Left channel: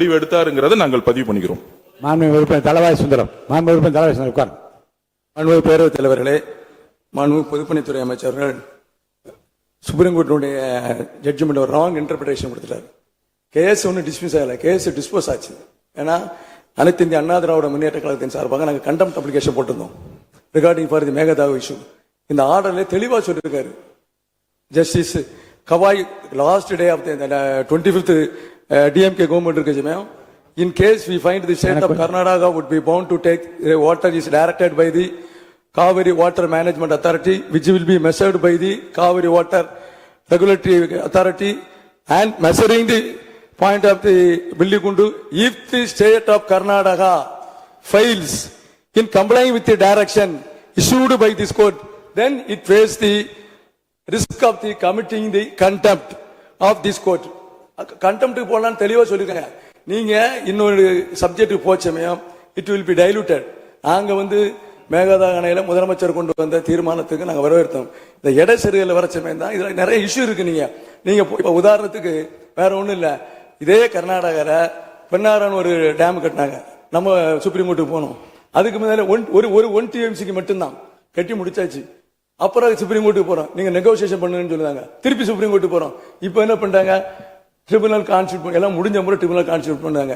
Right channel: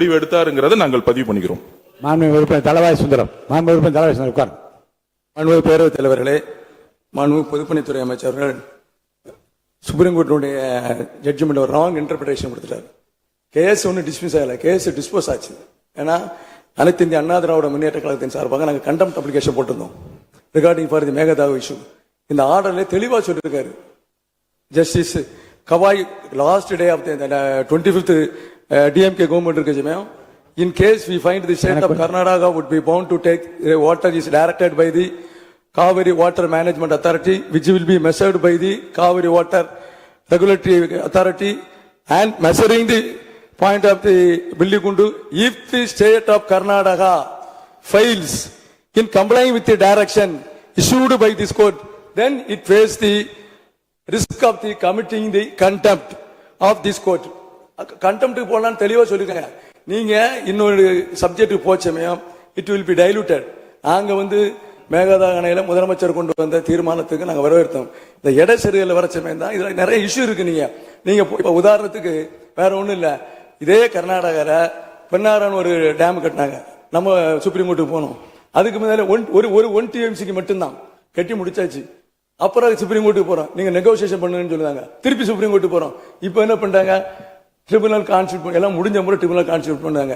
முடிவு எடுத்தாருங்கிறத நாங்கள் பதிவு பண்ணிக்கிறோம். மாண்புமிகு உறுப்பினர் தளவாய் சுந்தரம். மாண்புமிகு உறுப்பினர் தளவாய் சுந்தரம் உட்கார். மாண்புமிகு பேரவைத் தலைவர்களே, மாண்புமிகு பொதுப்பணித்துறை அமைச்சர்கள் சுப்ரீம் கோர்ட்டுடைய ஜட்ஜ்மெண்ட் ஒரு ராங் இன்டர்பிரேஷன் கொடுத்துட்டாரு. கேஸ் ஒன்னும் டிஸ்மிஸ் ஆகல, கேஸ் டிஸ்போஸ் ஆச்சு. ஏன்னா அனைத்து இந்திய அண்ணா திராவிட முன்னேற்ற கழகத்தின் சார்பாக நாங்கள் கண்டெம்ட் அப்ளிகேஷன் போட்டிருந்தோம் regarding for the Mekedatu issue. இந்த ஆர்டர்ல தெளிவா சொல்லியிருக்காரு justice Gavai last day of 25th DMK government இருக்கு சமயம். In case we find the state of Karnataka would be bound to take water is directed by the Kaveri Water Management Authority, which will be measured by the Kaveri Water Regulatory Authority, and measuring the point of the Billigundu. If the state of Karnataka fails in complying with the direction issued by this court, then it faces the risk of the committing the contempt of this court. Contempt போலாம் தெளிவா சொல்லிருக்காங்க. நீங்க இன்னொரு subject போச்சமயம் it will be diluted. நாங்க மேகதாது அணையில முதலமைச்சர் கொண்டு வந்த தீர்மானத்துக்கு நாங்க வரவேற்றோம். இந்த எடை சரிகள் வர சமயம் தான் இதுல நிறைய இஷ்யூ இருக்கு. நீங்க உதாரணத்துக்கு வேற ஒண்ணும் இல்ல, இதே கர்நாடகால பெண்ணாரன் ஒரு டேம் கட்டினாங்க. நம்ம சுப்ரீம் கோர்ட்டுக்கு போனோம். அதுக்கு முன்னால ஒரு 1 TMCக்கு மட்டும்தான் கட்டி முடிச்சாச்சு. அப்புறம் சுப்ரீம் கோர்ட்டுக்கு போறோம், நீங்க நெகோசியேஷன் பண்ணுன்னு சொல்லுவாங்க. திருப்பி சுப்ரீம் கோர்ட்டுக்கு போறோம். இப்ப என்ன பண்றாங்க, ட்ரிபுனல் கான்ஸ்டியூட் எல்லாம் முடிஞ்ச முறை ட்ரிபுனல் கான்ஸ்டியூட் பண்ணாங்க.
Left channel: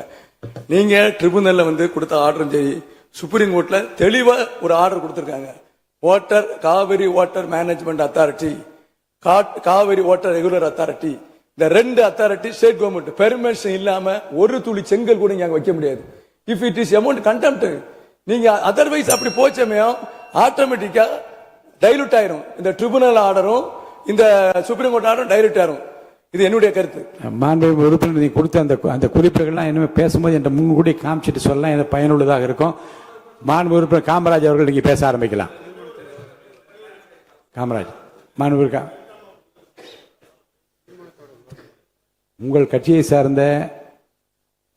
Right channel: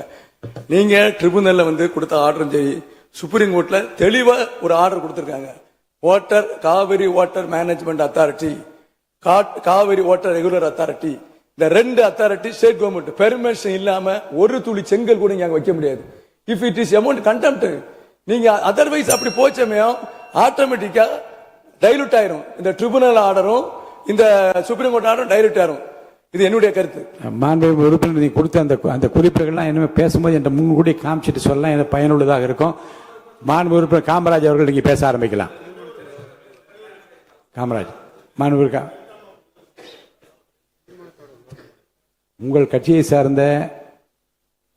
நீங்க ட்ரிபுனல்ல கொடுத்த ஆர்டரும் சரி, சுப்ரீம் கோர்ட்ல தெளிவா ஒரு ஆர்டர் கொடுத்திருக்காங்க. Water Kaveri water management authority, Kaveri water regular authority, இந்த 2 அத்தாரிட்டி ஸ்டேட் கவர்மெண்ட் பெர்மிஷன் இல்லாம ஒரு துளி செங்கல் கூட நீங்க வைக்க முடியாது. If it is amount contempt, நீங்க அதர்வைஸ் அப்படி போச்சமையும் ஆட்டோமேட்டிக்கா டைலூட் ஆயிரும். இந்த ட்ரிபுனல் ஆர்டரும் இந்த சுப்ரீம் கோர்ட் ஆர்டரும் டைலூட் ஆயிரும். இது என்னுடைய கருத்து. மாண்புமிகு உறுப்பினர் நீ கொடுத்த அந்த குறிப்புகள்லாம் இனிமே பேசும்போது என்ற முன்கூடி காமிச்சிட்டு சொல்லலாம், எனக்கு பயனுள்ளதாக இருக்கும். மாண்புமிகு உறுப்பினர் காமராஜ் அவர்கள் நீங்க பேச ஆரம்பிக்கலாம். காமராஜ், மாண்புமிகு உங்கள் கட்சியை சார்ந்த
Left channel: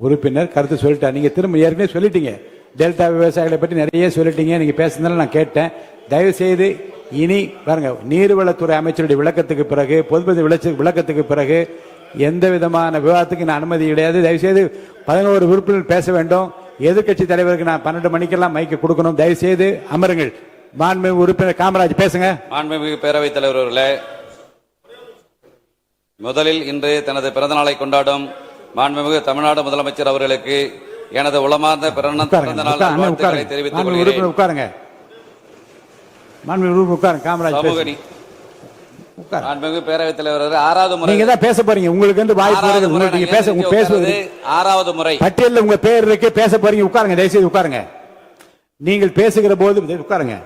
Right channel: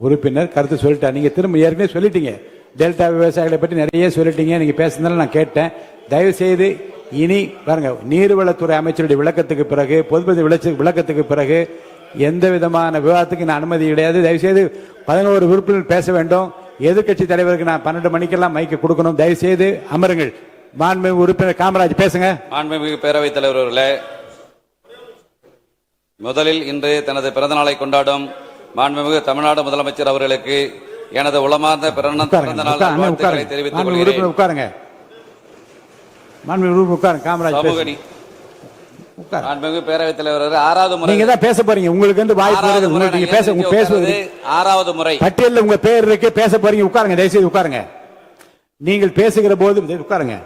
உறுப்பினர் கருத்து சொல்லிட்டார். நீங்க திரும்ப ஏற்கனவே சொல்லிட்டீங்க, டெல்டா விவசாயிகளை பற்றி நிறைய சொல்லிட்டீங்க. நீங்க பேசுனதால நான் கேட்டேன். தயவு செய்து இனி பாருங்க, நீர்வளத்துறை அமைச்சருடைய விளக்கத்துக்கு பிறகு, பொதுப்பணி விளக்கத்துக்கு பிறகு எந்த விதமான விவாதத்துக்கு நான் அனுமதி கிடையாது. தயவு செய்து 11 உறுப்பினர் பேச வேண்டும். எதிர்கட்சி தலைவருக்கு நான் 12 மணிக்கெல்லாம் மைக்கு கொடுக்கணும். தயவு செய்து அமருங்கள். மாண்புமிகு உறுப்பினர் காமராஜ் பேசுங்க. மாண்புமிகு பேரவைத் தலைவர் அவர்களே, முதலில் இன்று தனது பிறந்த நாளை கொண்டாடும் மாண்புமிகு தமிழ்நாடு முதலமைச்சர் அவர்களுக்கு எனது உளமார்ந்த பிறந்த நாள் வாழ்த்துக்களை தெரிவித்துக் கொள்கிறேன். உட்காருங்க. மாண்புமிகு பேரவைத் தலைவர், 6வது முறை நீங்க தான் பேச போறீங்க. உங்களுக்கு வாய்ப்பு பேசுவது 6வது முறை பட்டியலில் உங்க பேர் இருக்கு, பேச போறீங்க. உட்காருங்க, தயவுசெய்து உட்காருங்க. நீங்கள் பேசுகிற போது உட்காருங்க.